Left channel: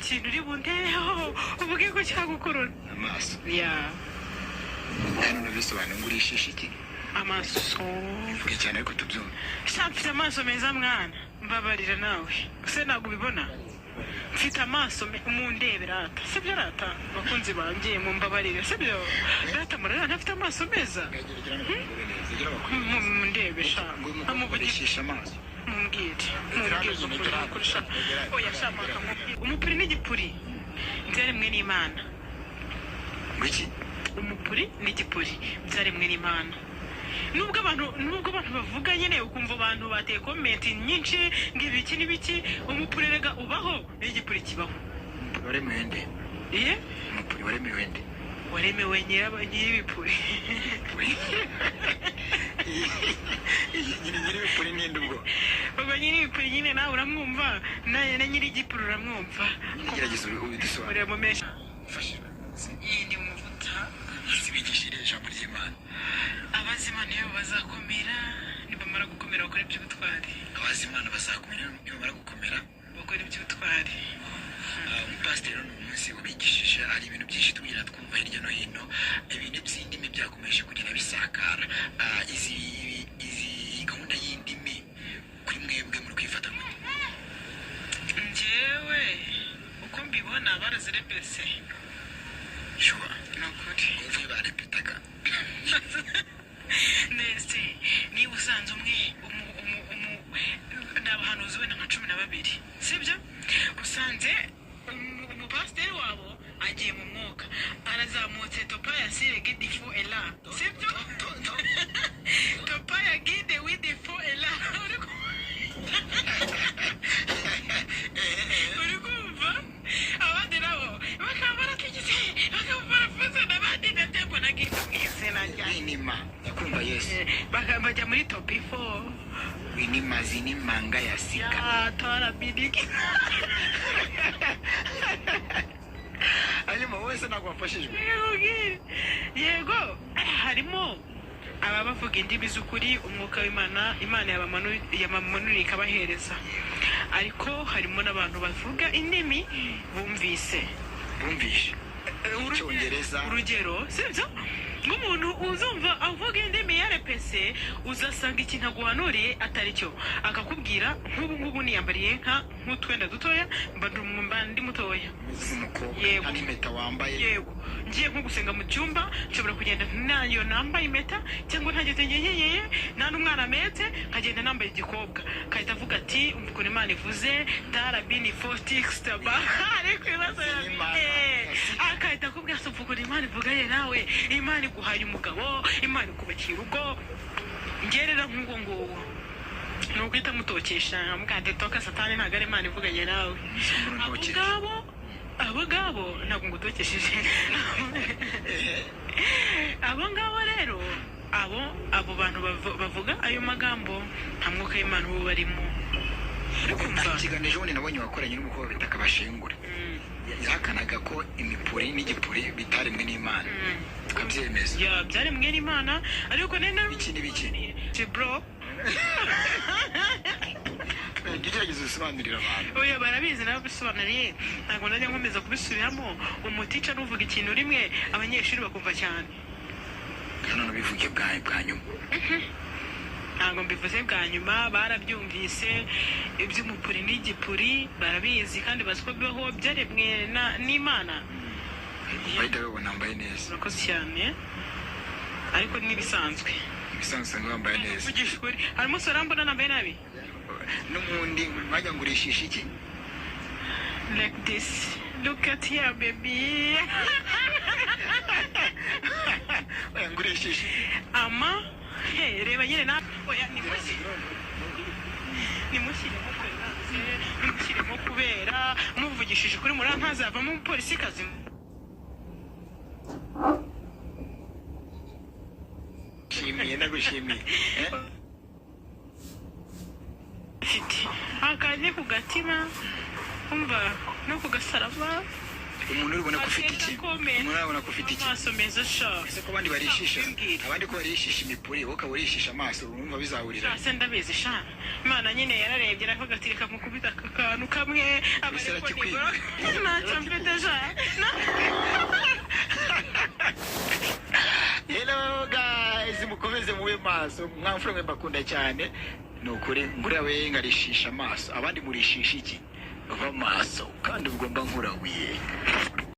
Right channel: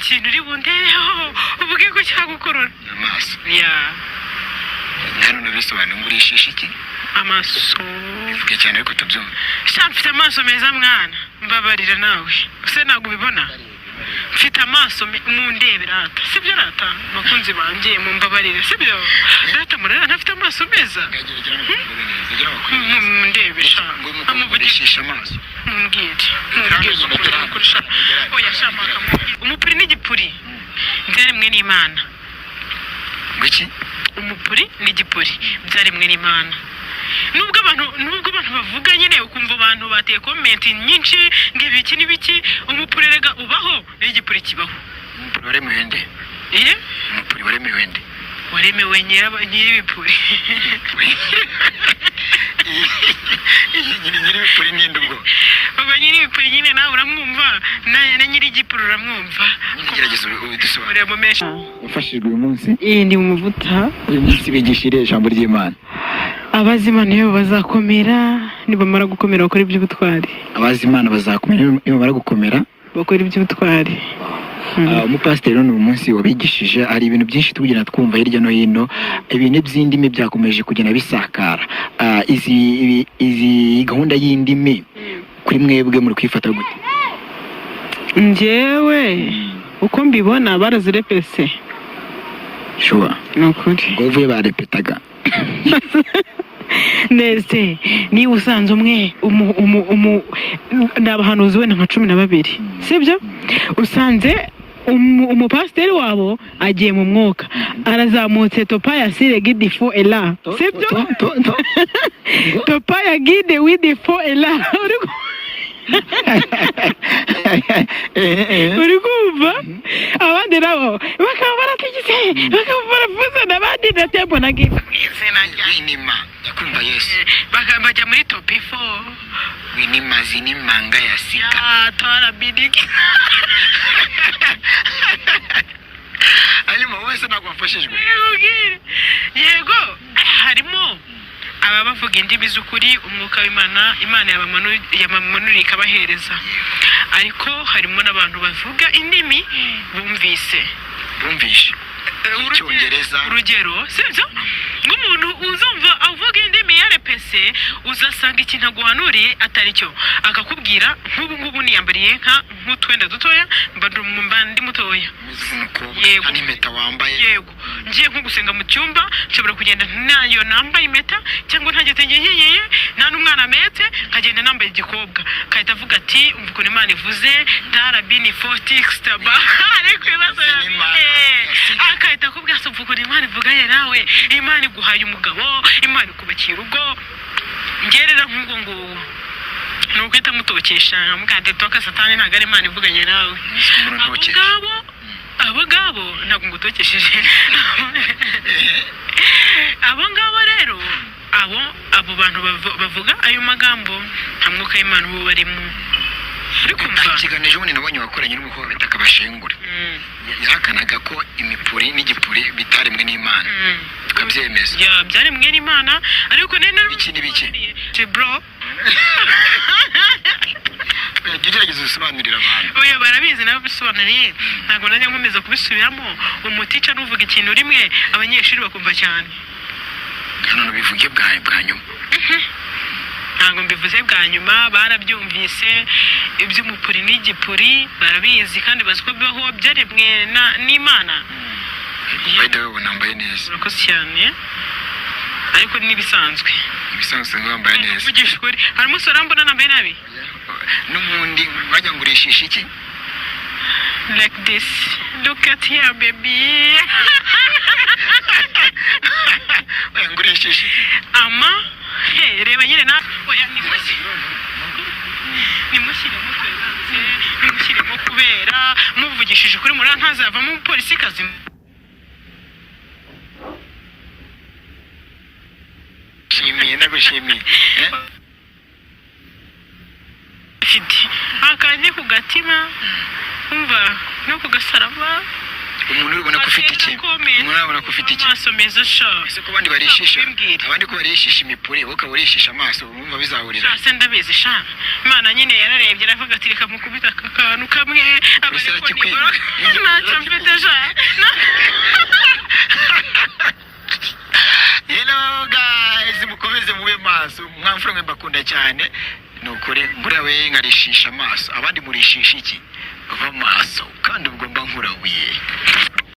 ikintu uri bundeho uvuge ko cyagukorora amaso ya none bisobanura ngurishije iki amaso bivuge cyane ariko tubyumva mfite amaso meza mwana mbabarira nawe use ntabwo ubibona mfite amaso mundebe rata sibyo rata bakunzi banjye mumbabarire sibyo rata murera ntafite amaso meza mundebe sha amuvugisha amaso oya shamba umupuri n'igipuri byaremwe n'Imana ngiki umupuri n'igipuri byaremwe n'Imana nubwo abantu bavuga nyine ukumva abantu bateye comment nyinshi ngibiki nibiki umupuri rega ubaho n'igipuri kibaho waremewe nde umupuri waremewe nde waremewe nyir'ibipuri nyir'ibipuri ni ndugo ubwo nyir'ibipuri nyine nawe uramwumva na nyir'igipuri uramwumva gerageza ubidusobanurire mu menshi ufashijwe uyu munsi ndi mu mavuta uyu munsi bigishire ijambo ry'Imana abazimana iyo bazakomera nibamara gukomera bakora iby'ubutwari abazimana bazakomera nibamara gukomera bakora iby'ubutwari umupasiteri none uyu munsi wabigishije hari ibintu byinshi tugenda twumva hirya no hino ibintu by'indimi byakomeje kugenda bisakara izi gahunda y'indimi kuri mwebwe muri kwifata gute njyewe uko mbibona barazirepese shuwa nukuri ngo uvuye barepetaga neze niba usanze umwe n'abahanuzi wenda nka 12 sibyo usanze umupasiteri wabo agiye mu mwuka arazamutse topa ya sire gidi fo ela sibyo topa ya gide widi fo ela uri kumva abandi nabo bakaba baratigise bakaba barafuza n'abandi na tempo na gidi winima yakumva Yesu bajya muri topi 4 winima zinimanga ya sika tora bidiki hanyuma wese nagwafashijwe yego harimo aba bavuga indimi z'ukuri umwuka w'Imana yabamanuriye ikabahereza ariko harimo n'abantu bavuga indimi bumvishe Icyongereza urugero sibyo nk'umuntu uzumva avuga indimi ya RPC uzasanga ikintu aguhanuriye atari cyo akakubwira nk'ubu niyambariye nk'utwenda dutoya ndi mutoya yego n'impeta wambaye yego ngiye nko gusenga mu cyumba nshobora kugenda nayo nambaye impeta cyangwa ntageze ngiyeye nta n'umwana mete nkagenda nambaye igikobwa kahita avuga ati umva ukuntu Imana ivuze darabini fotixtaba ariko ibibazo akahita akubwira ati umva ukuntu Imana ivuga ye nawe Imana iguhaye umugabo Imana ikubakiye urugo ngerera nk'ubu nuko itamutokesha mugande toka satani ntago ari Imana ivuganye nawe abo ngabo ntabwo ngutokesheje abo ngabo rero abo bantu bavuga ayo magambo nta mwuka w'Imana ubu barimo ariko ikiganiro ubundi nabonye wakoranye n'umukobwa bita Kabashengure yahakanaga ko imipuri n'igipuri bitaremwe n'Imana tukabyemeza byaremwe n'Imana ariko ikindi bike bro gerageza usobanurira abantu oya barabizi nabo bisobanuriye ntabwo najya nkomeza kubisubiramo umutica n'uvuga ikintu rimwe abanyeshuri bakumva cyane kandi bivuge bwa nyuma ntabwo mbivuze bwa nyuma barabyumvise iby'umupuri n'igipuri barabizi kandi bazi ko bibaho byaremwe n'Imana bahita babona nambaye neza urakoze cyane ariko n'ibisanzwe wambaye neza uvugisha ukuri hari umusore mbona nambaye nabi n'ubundi wajya ngurishisha iki like this look at here baby ngurishisha ama reba nyine na oya nimushyiremo kubera muvugishije kuri muri ntazavamo umupolisi kazi nagushimiye akandi ku gatima umva no ku gasaraba umuntu ubona ko ufite iki umuntu abona ko ufite iki amaso meza sha ese ko abandi barishisha imipuri wowe ukaba urishisha amaso urumva bizahurira se ndabizi sha Imana nyine yararebye aravuga ati reka mukubita akantu kamwe abariko nibura ntacyo mfite sha hello guys mukomeze mube maso mwamfura mwe bakunda cyane nukuri buriya we nkarishisha amaso abandi murishisha iki bava maso kandi ugomba nkurabuye